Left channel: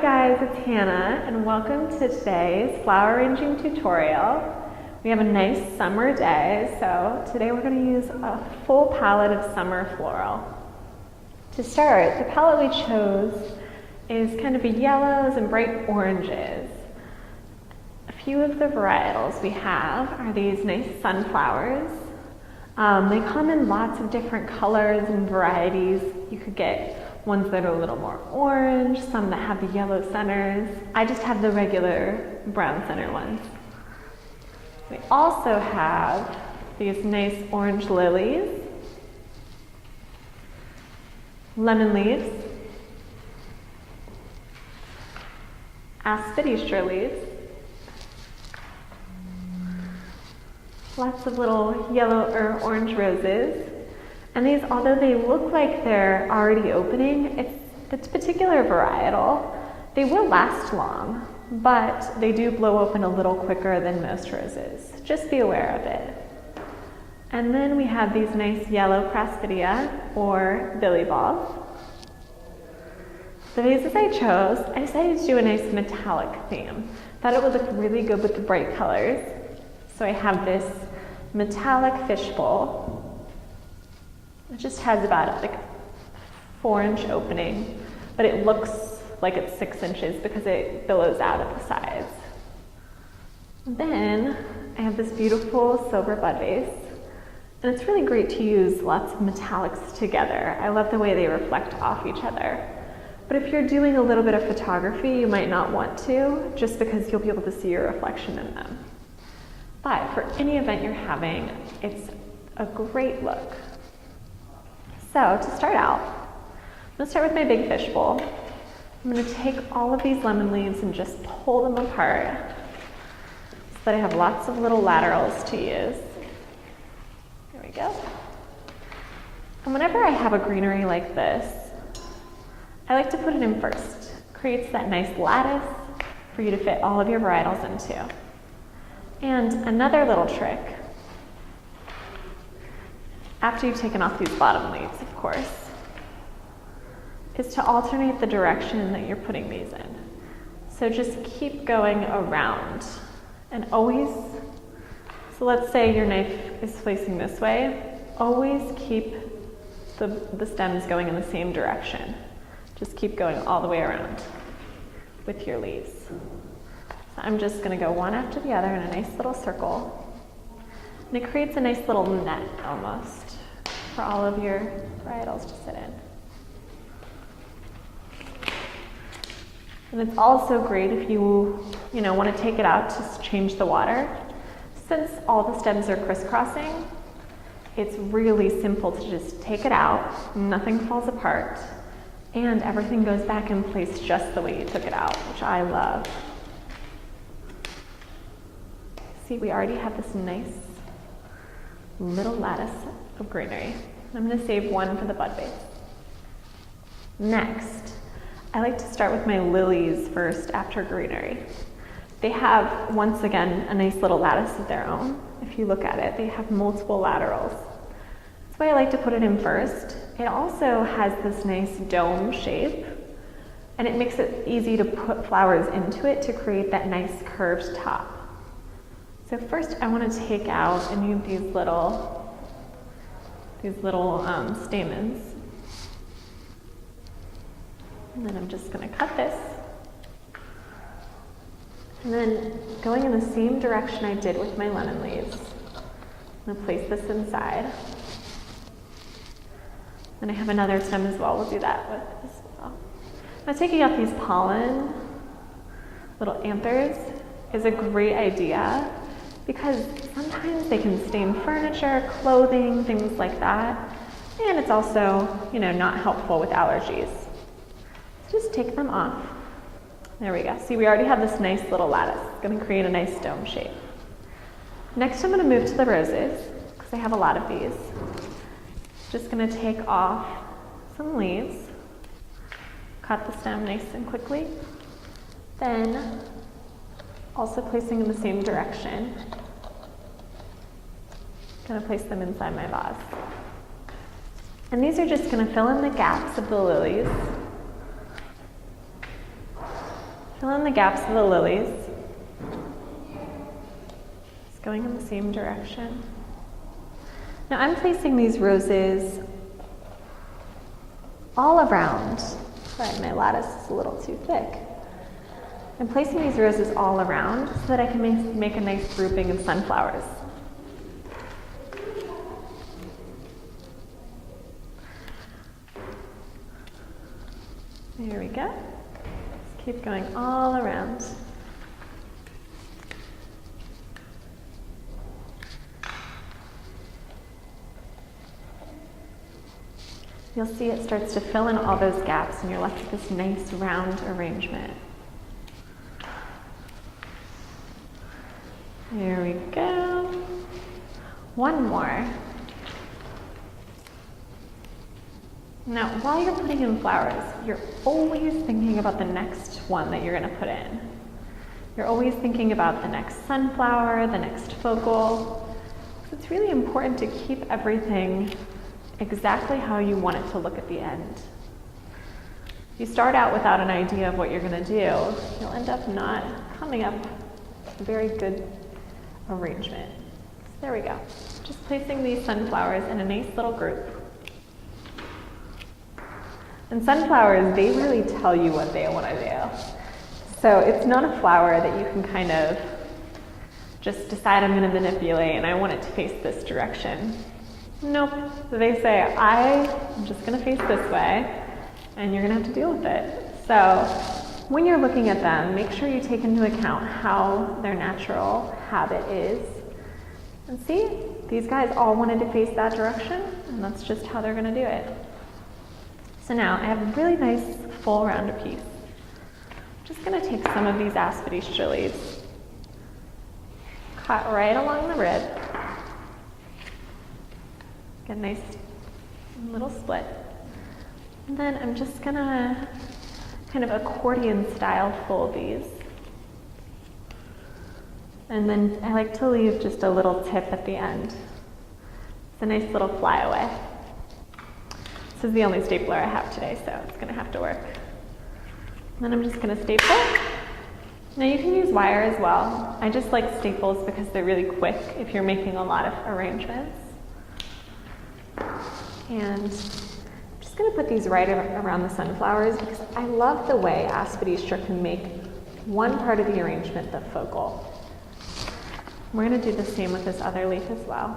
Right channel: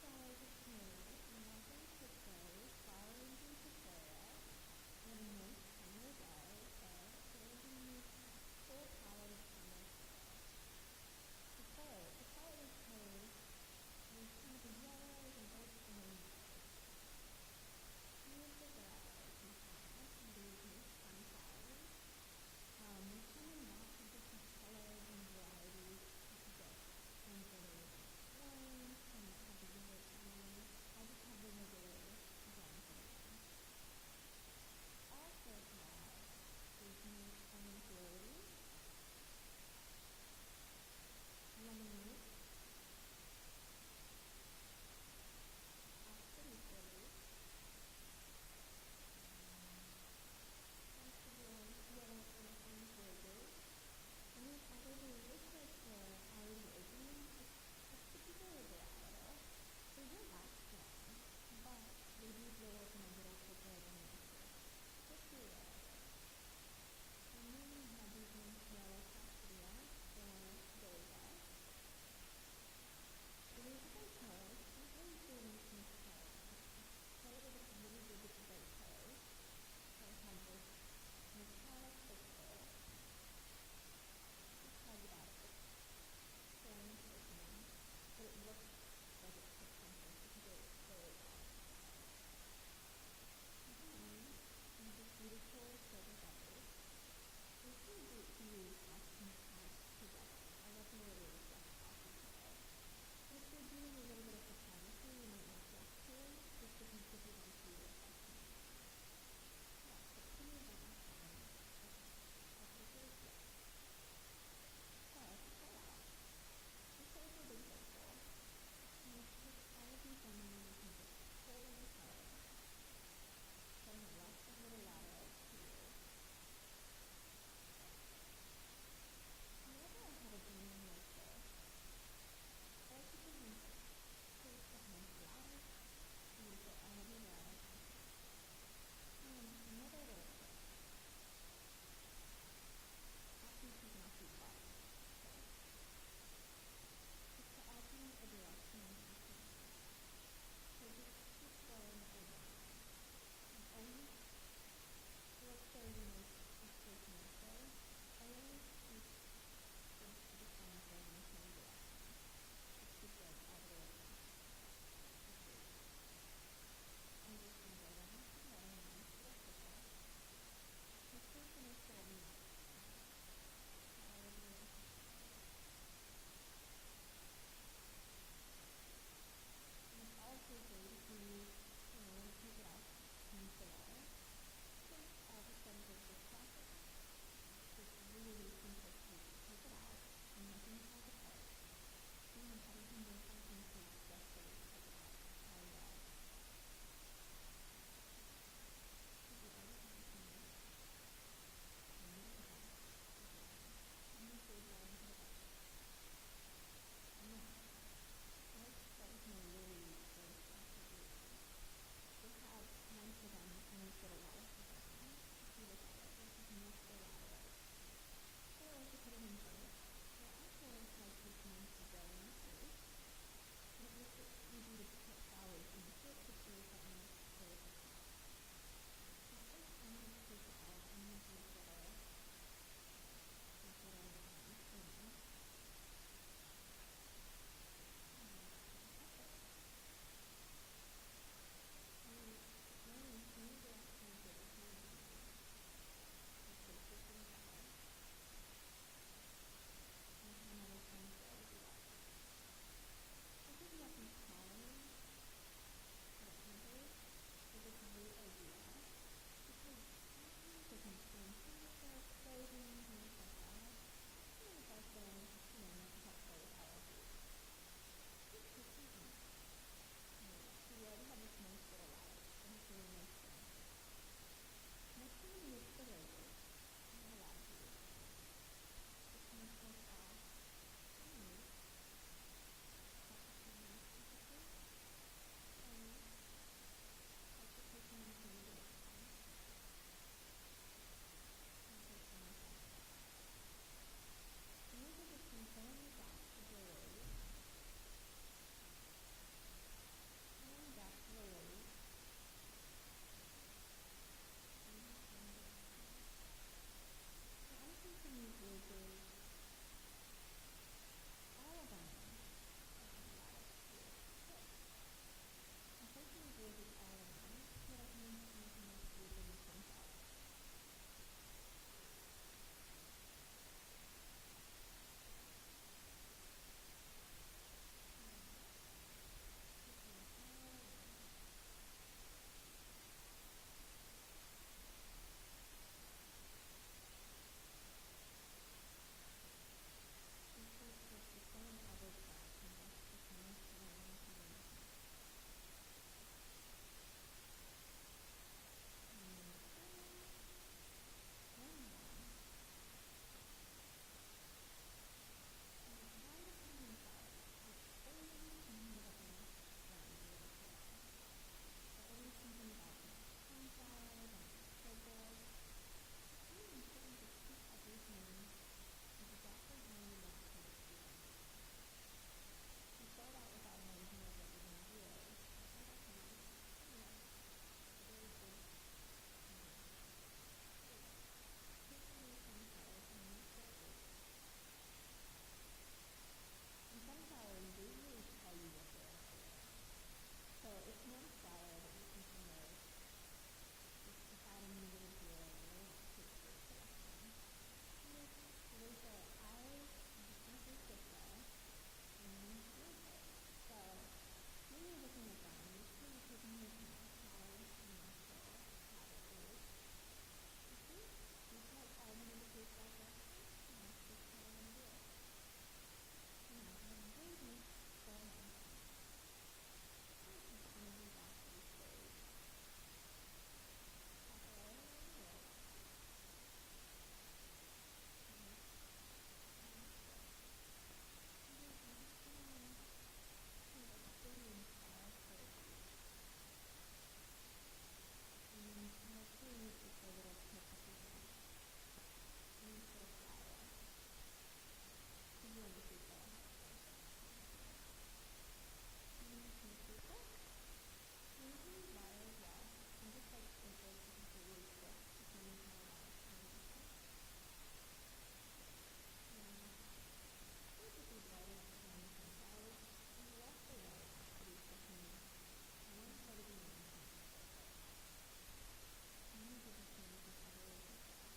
guys, it's Hannah and welcome to today's flower arranging tutorial. We have a nice summer day, so today we're going to use a full palette of summer floral. To start, the palette we chose is kind of yellows and bright oranges. A few of the varietals we have are these nice sunflowers. They come in lots of different colors and varieties. You could get ones that are a little more orange, some that have the yellow centers. I just have the regular brown center ones. We also have these nice orange lilies, lemon leaves, aspidistra leaves, lots of little yellow or orange roses. And these, although they look like they're already opening, it's a particular varietal. They will last long, but they do blow open a little quicker than most roses. Just be aware of it. And then we have these nice yellow craspedia or billy balls. The vases I chose, I decided to do a nice metallic theme. Thought it would look really good with the bright colors. So I have this metallic fishbowl. It just has about like a 4-inch opening, but it looks like it's 6 inches because it billows out at the sides. Then I have this beautiful silver bud vase, and it's really great to use lots of metallics together. I love the way they reflect off each other. But if you're doing a little bit of photography, you might not want to, just because you'll be able to see your reflection in them. But for any event you're having, it's a great look. So to start out, I'm going to start with my big fish bowl. I'm going to take all of these lemon leaves and just pull them apart so that I have lots of little laterals to use. There we go. And whenever I have a greenery like this, I like to put it in first. It creates that nice lattice for you to fit all of your varietals into. And another little trick, after you've taken off these bottom leaves, of course, is to alternate the direction that you're putting these in. So just keep going around and always, so let's say your knife is facing this way, always keep the stems going in the same direction. Just keep going all the way around with your leaves. So I'm just going to go one after the other in a nice little circle. And it creates a nice little net almost for all of your varietals to sit in. And it's also great if you want to take it out to change the water. Since all the stems are crisscrossing, it's really simple to just take it out, nothing falls apart, and everything goes back in place just the way you took it out, which I love. See, we already have this nice little lattice of greenery. I'm going to save one for the bud vase. Next, I like to start with my lilies first after greenery. They have, once again, a nice little lattice of their own. If you look at it, they have multiple laterals. That's why I like to put it in first. It also has this nice dome shape, and it makes it easy to put flowers into it to create that nice curved top. So first I want to take out any of these little stamens. And then I'm just going to cut this. And then going in the same direction I did with my lemon leaves, I'm going to place this inside. And I have another stem as well, we'll do that with this as well. Now taking out these pollen, little anthers, is a great idea, because sometimes they can stain furniture, clothing, things like that. And it's also, not helpful with allergies. So just take them off. There we go. See, we already have this nice little lattice. It's going to create a nice dome shape. Next, I'm going to move to the roses, because I have a lot of these. Just going to take off some leaves, cut the stem nice and quickly. Then, also placing in the same direction, going to place them inside my vase. And these are just going to fill in the gaps of the lilies. Fill in the gaps of the lilies. It's going in the same direction. Now I'm placing these roses all around. Sorry, my lattice is a little too thick. I'm placing these roses all around so that I can make a nice grouping of sunflowers. There we go. Let's keep going all around. You'll see it starts to fill in all those gaps and you're left with this nice round arrangement. There we go. One more. Now, while you're putting in flowers, you're always thinking about the next one that you're going to put in. You're always thinking about the next sunflower, the next focal. So it's really important to keep everything exactly how you want it to look at the end. If you start out without an idea of what you're going to do, you'll end up not coming up with a very good arrangement. So there we go. Just placing these sunflowers in a nice little group. And sunflowers, they really tell you what they want to do. So it's not a flower that you can kind of just decide I'm going to manipulate and I want it to face this direction. Nope. So they say, I'm just going to face this way and you're going to have to deal with it. So when you're looking at them, make sure you take into account how their natural habit is. And see, these guys all wanted to face that direction and that's just how they're going to do it. So now I have a really nice full round piece. I'm just going to take some of these aspidistra leaves, cut right along the rib, get a nice little split. And then I'm just going to kind of accordion style fold these. And then I like to leave just a little tip at the end. It's a nice little flyaway. This is the only stapler I have today, so it's going to have to work. And then I'm just going to staple. Now you can use wire as well. I just like staples because they're really quick if you're making a lot of arrangements. And I'm just going to put these right around the sunflowers because I love the way aspidistra can make one part of the arrangement the focal. We're going to do the same with this other leaf as well.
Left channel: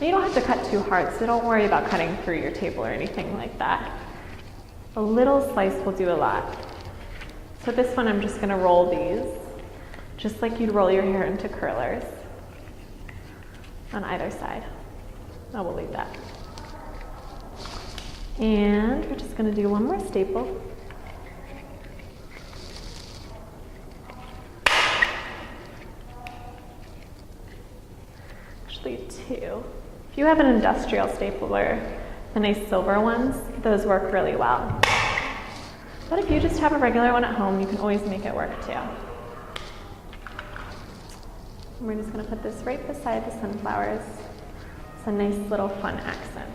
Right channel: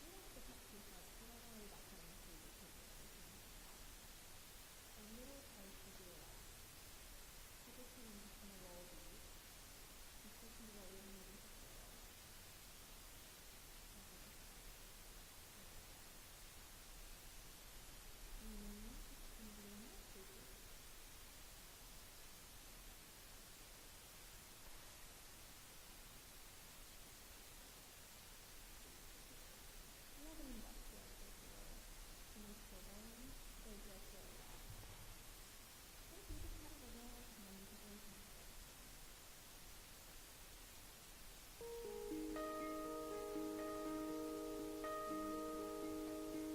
Now you don't have to cut too hard, so don't worry about cutting through your table or anything like that. A little slice will do a lot. So this one I'm just going to roll these, just like you'd roll your hair into curlers on either side. Oh, we'll leave that. And we're just going to do one more staple. Actually, two. If you have an industrial stapler, the nice silver ones, those work really well. But if you just have a regular one at home, you can always make it work too. And we're just going to put this right beside the sunflowers. It's a nice little fun accent.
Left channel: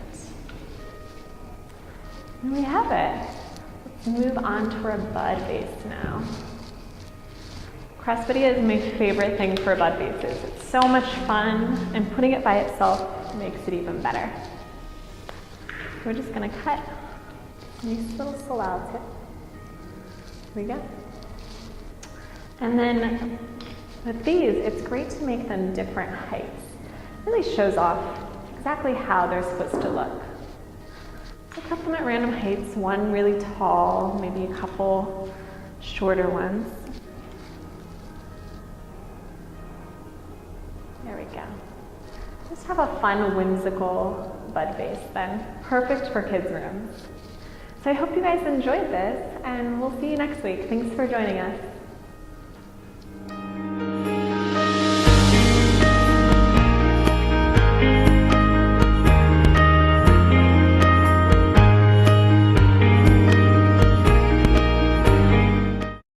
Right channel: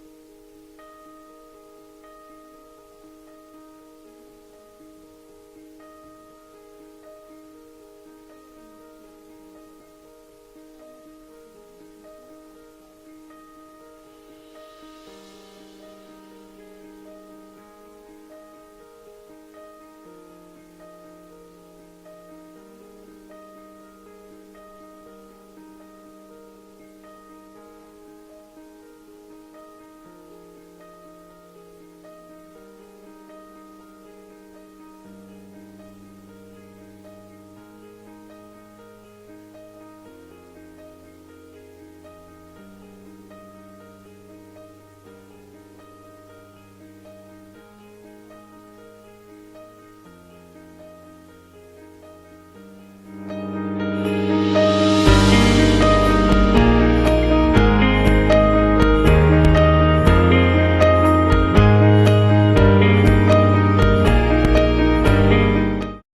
And we have it. Let's move on to our bud vase now. Craspedia is my favorite thing for bud vases. It's so much fun, and putting it by itself makes it even better. We're just going to cut a nice little salal tip. Here we go. And then with these, it's great to make them different heights. It really shows off exactly how they're supposed to look. So cut them at random heights, one really tall, maybe a couple shorter ones. There we go. Just have a fun, whimsical bud vase then. Perfect for kids' rooms. So I hope you guys enjoyed this, and we'll see you next week. Thanks for joining us.